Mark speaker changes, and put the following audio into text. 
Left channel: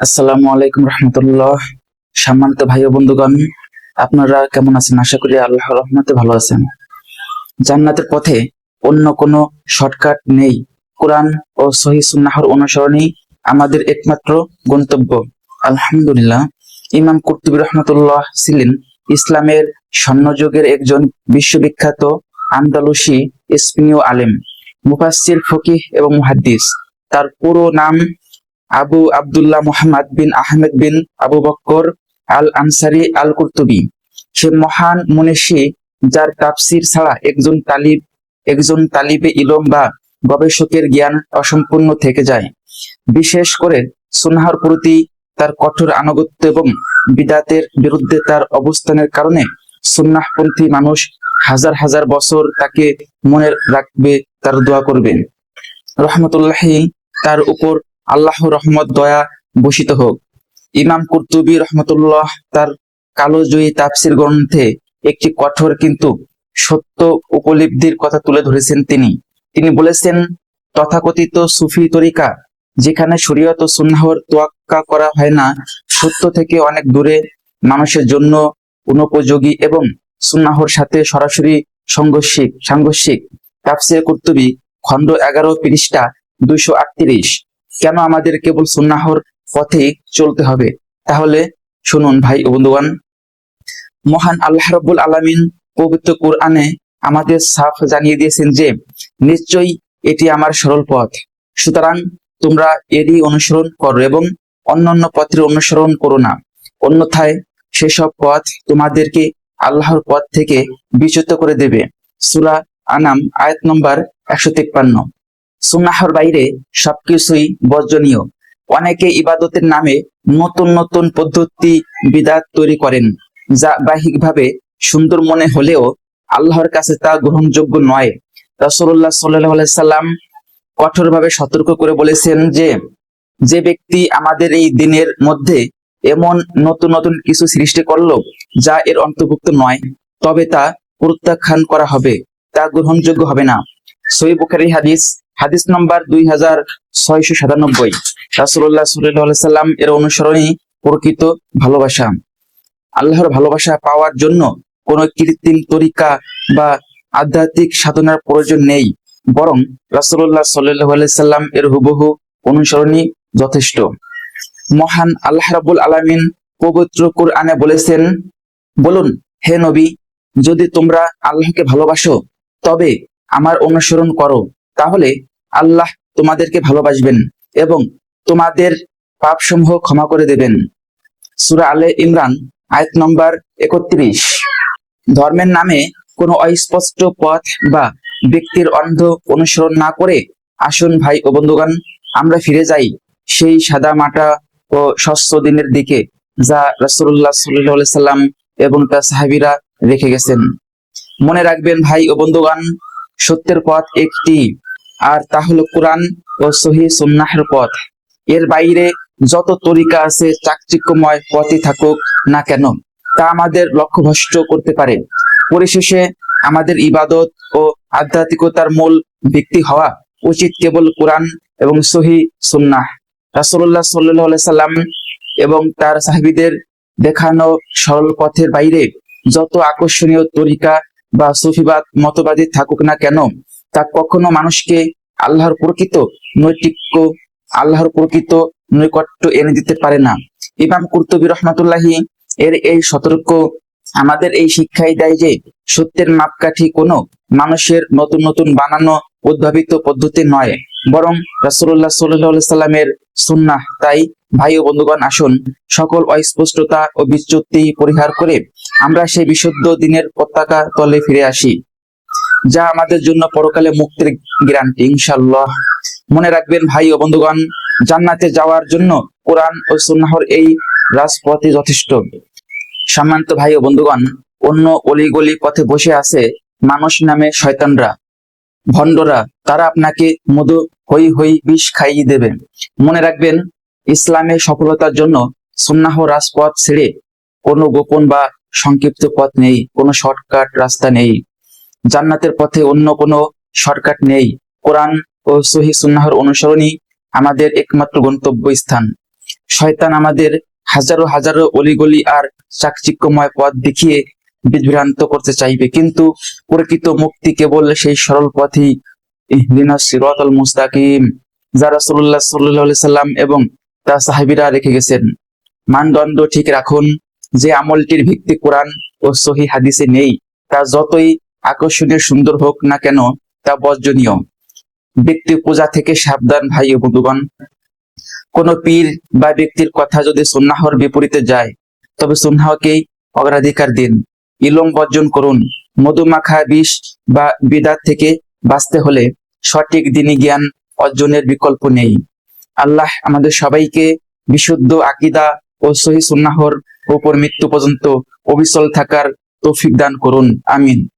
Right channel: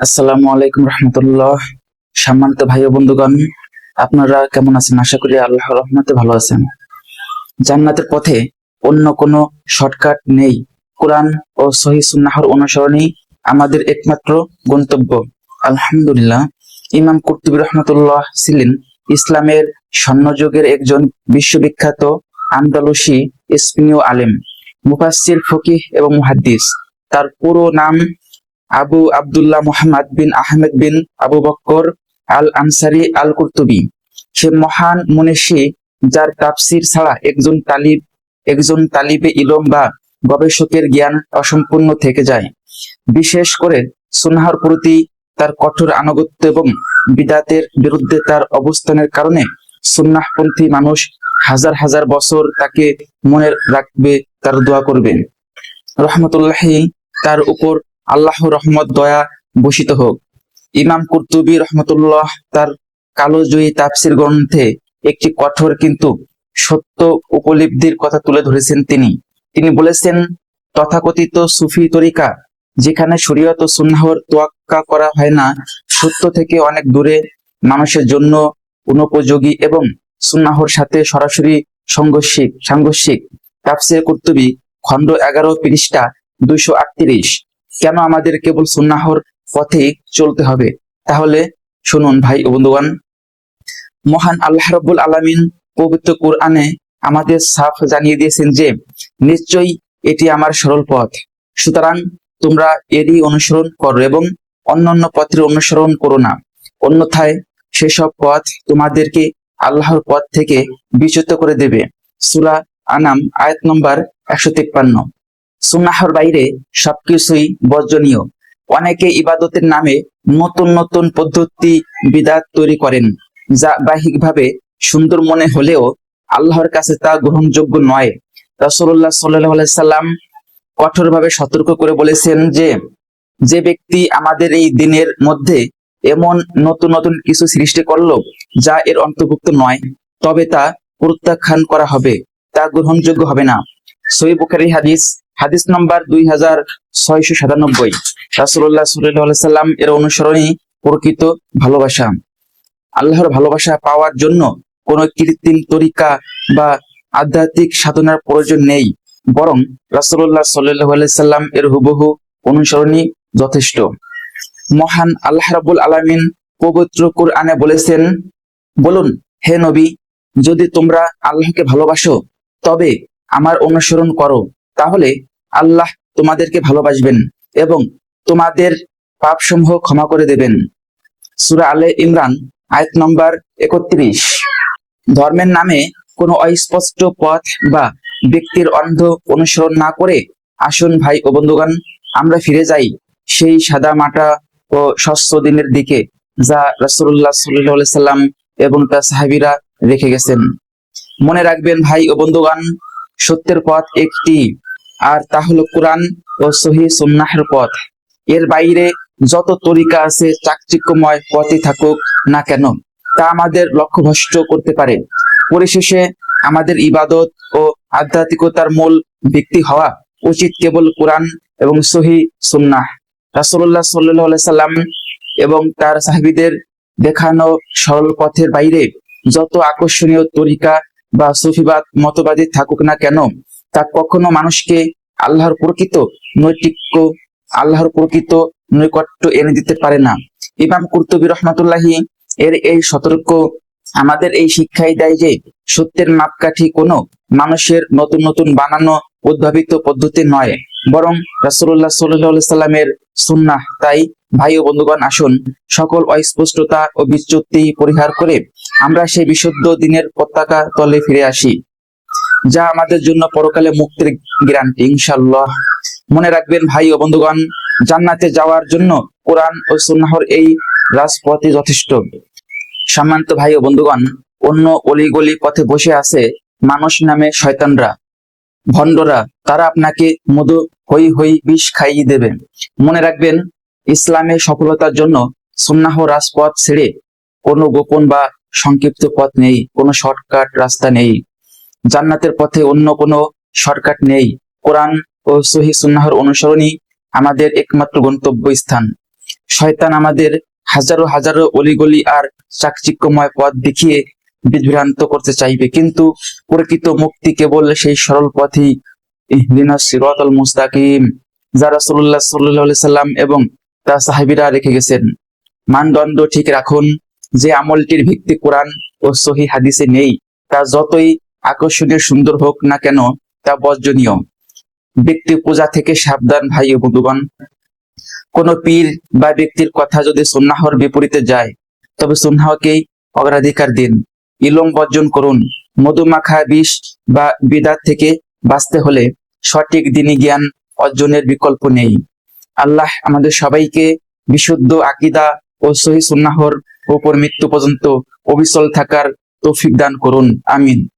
Speaker 1: আসসালামু আলাইকুম রহমতুল্লাহ। সম্মানিত ভাই ও বন্ধুগণ, আপনারা কেমন আছেন? আশা করি আল্লাহ রহমতে ভালো আছেন। জান্নাতের পথে অন্য কোনো শর্টকাট নেই। কোরআন ও সহি সুন্নাহর অনুসরণই আমাদের একমাত্র গন্তব্য। আলহামদুলিল্লাহ, ইমাম কুর্তুবী রহমতুল্লাহ ছিলেন ইসলামের স্বর্ণযুগের একজন বিশ্ববিখ্যাত আন্দালসি ইসমিনীয় আলেম, মুফাসসির ফকিহ এবং মুহাদ্দিস। তার পুরো নাম আবু আব্দুল্লাহ মোহাম্মদ বিন আহমেদ বিন আবু বক্কর আল আনসারি আল কুর্তুবি সে মহান মনীষী, যার তাফসির ছাড়া একজন তালিব, একজন তালিবে ইলম বা গবেষকের জ্ঞান অসম্পূর্ণ থেকে যায়। বিশেষ করে সুনাহর প্রতি তার কঠোর আনুগত্য এবং বিদাতের বিরুদ্ধে তার অবস্থানের কারণে সুন্নাহপন্থী মানুষ হাজার হাজার বছর তাকে মনে রাখবে, তার দোয়া করবে। রহমতুল্লাহি তার উপর আল্লাহ রহমত, দয়া ভূষিত হোক। ইমাম কুর্তুবী রহমতুল্লাহ তার কালোজয়ী তাফসির গ্রন্থে একটি কঠোর কিন্তু সত্য উপলব্ধির কথা তুলে ধরেছেন তিনি। তিনি বলেছেন, তথাকথিত সুফি তরিকা যেখানে শরীয়ত সুন্নাহর তোয়াক্কা করা হয় না, সত্য থেকে অনেক দূরে মানুষের জন্য অনুপযোগী এবং সুন্নাহর সাথে সরাসরি সংঘর্ষিক। সাংঘর্ষিক তাফসির কুর্তুবী খণ্ড এগারো পৃষ্ঠা দুইশো আটত্রিশ। কেন আমাদের কেবল সুন্নাহর পথে চলতে হবে? তাহলে শুনুন ভাই ও বন্ধুগণ, মহান আল্লাহ রব্বুল আলামিন পবিত্র কোরআনে আমাদের সাফ জানিয়ে দিয়েছেন যে, নিশ্চয়ই এটি আমার সরল পথ। সুতরাং তোমরা এরই অনুসরণ করো এবং অন্যান্য পথের অনুসরণ করো না। অন্যথায় সেসব পথ তোমাদেরকে আল্লাহর পথ থেকে বিচ্যুত করে দেবে। সুরা আনাম, আয়াত নম্বর একশো তেপ্পান্ন। সুন্নাহর বাইরে সবকিছুই বর্জনীয়। অনেকে ইবাদতের নামে নতুন নতুন পদ্ধতি বিদাত তৈরি করেন, যা বাহ্যিকভাবে সুন্দর মনে হলেও আল্লাহর কাছে তা গ্রহণযোগ্য নয়। রাসূলুল্লাহ সাল্লাল্লাহু আলাইহি সাল্লাম কঠোরভাবে সতর্ক করে বলেছেন যে যে ব্যক্তি আমাদের এই দিনের মধ্যে এমন নতুন নতুন কিছু সৃষ্টি করল, যা এর অন্তর্ভুক্ত নয়, তবে তা প্রত্যাখ্যান করা হবে, তা গ্রহণযোগ্য হবে না। সহি হাদিস হাদিস নম্বর দুই হাজার ছয়শো সাতানব্বই। আলাইহি সাল্লাম এর অনুসরণই প্রকৃত ভালোবাসা। আল্লাহর ভালোবাসা পাওয়ার জন্য কোনো কৃত্রিম তরিকা বা আধ্যাত্মিক সাধনার প্রয়োজন নেই। বরং সাল্লাল্লাহু সাল্লাম এর হুবহু অনুসরণই যথেষ্ট। মহান আল্লাহ রাব্বুল আলামিন পবিত্র কোরআনে বলেছেন, বলুন, হে নবী, যদি তোমরা আল্লাহকে ভালোবাসো, তবে আমার অনুসরণ করো। তাহলে আল্লাহ তোমাদেরকে ভালোবাসবেন এবং তোমাদের পাপসমূহ ক্ষমা করে দেবেন। সূরা আলে ইমরান, আয়াত নম্বর একত্রিশ। ধর্মের নামে কোনো অস্পষ্ট পথ বা ব্যক্তির অন্ধ অনুসরণ না করে, আসুন ভাই ও বন্ধুগণ, আমরা ফিরে যাই সেই সাদা মাটা ও স্বচ্ছ দিনের দিকে যা রাসূলুল্লাহ সাল্লাল্লাহু আলাইহি সাল্লাম এবং তার সাহাবীরা রেখে গেছেন। মনে রাখবেন ভাই ও বন্ধুগণ, সত্যের পথ একটি। আর তা হলো কোরআন ও সহি সুন্নাহর পথ। এর বাইরে যত তরিকা আছে, চাকচিক্যময় পথে থাকুক না কেন, তা আমাদের লক্ষ্য লক্ষ্যভ্রষ্ট করতে পারে। পরিশেষে আমাদের ইবাদত ও আধ্যাত্মিকতার মূল ভিত্তি হওয়া উচিত কেবল কোরআন এবং সহি সুন্নাহ। রাসূলুল্লাহ সাল্লাল্লাহু আলাইহি সাল্লাম এবং তার সাহাবীদের দেখানো সরল পথের বাইরে যত আকর্ষণীয় তরিকা বা সুফিবাদ, মতবাদী থাকুক না কেন তা কখনো মানুষকে আল্লাহর প্রকৃত নৈতিক্য, আল্লাহর প্রকৃত নৈকট্য এনে দিতে পারে না। ইমাম কুর্তুবী রহমতুল্লাহি এর এই সতর্ক, আমাদের এই শিক্ষাই দেয় যে সত্যের মাপকাঠি কোনো মানুষের নতুন নতুন বানানো উদ্ভাবিত পদ্ধতি নয়। বরং রসুল্লাহ সাল্লাহ সাল্লামের সুন্নাহ, তাই ভাই ও বন্ধুগণ, আসুন সকল অস্পষ্টতা ও বিচ্যুতি পরিহার করে আমরা সেই বিশুদ্ধ দিনের পতাকা তলে ফিরে আসি। যা আমাদের জন্য পরকালে মুক্তির গ্যারান্টি ইনশাল্লাহ মনে রাখবেন ভাই ও বন্ধুগণ, জান্নাতে যাওয়ার জন্য কোরআন ও সুন্নাহর এই রাজপথই যথেষ্ট। সম্মানিত ভাই ও বন্ধুগণ, অন্য অলিগলি পথে বসে আছে মানুষ নামে শয়তানরা, ভণ্ডরা। তারা আপনাকে মধু হই হই বিষ খাইয়ে দেবেন মনে রাখবেন ইসলামের সফলতার জন্য সুন্নাহ রাজপথ ছেড়ে কোনো গোপন বা সংক্ষিপ্ত পথ নেই, কোনো শর্টকাট রাস্তা নেই। জান্নাতের পথে অন্য কোনো শর্টকাট নেই। কোরআন ও সহি সুন্নাহর অনুসরণই আমাদের একমাত্র গন্তব্য স্থান শয়তান আমাদের হাজারো হাজারো অলিগলি আর চাকচিক্যময় পথ দেখিয়ে বিভ্রান্ত করতে চাইবে। কিন্তু প্রকৃত মুক্তি কেবল সেই সরল পথই। ইহদিনা মুস্তাকিম, যা রাসূলুল্লাহ সাল্লাল্লাহু আলাইহি সাল্লাম এবং তার সাহাবীরা রেখে গেছেন। মানদণ্ড ঠিক রাখুন, যে আমলটির ভিত্তি কোরআন ও সহি হাদিসে নেই, তা যতই আকর্ষণীয় সুন্দর হোক না কেন, তা বর্জনীয়। ব্যক্তি পূজা থেকে সাবধান, ভাই বন্ধুগণ। কোন পীর বা ব্যক্তির কথা যদি সুন্নাহর বিপরীতে যায়, তবে সুন্নাহকেই অগ্রাধিকার দিন। ইলম বর্জন করুন। মধুমাখা বিষ বা বিদাত থেকে বাঁচতে হলে সঠিক দিনী জ্ঞান অর্জনের বিকল্প নেই। আল্লাহ আমাদের সবাইকে বিশুদ্ধ আকিদা ও সহি সুন্নাহর ওপর মৃত্যু পর্যন্ত অবিচল থাকার তৌফিক দান করুন। আমিন।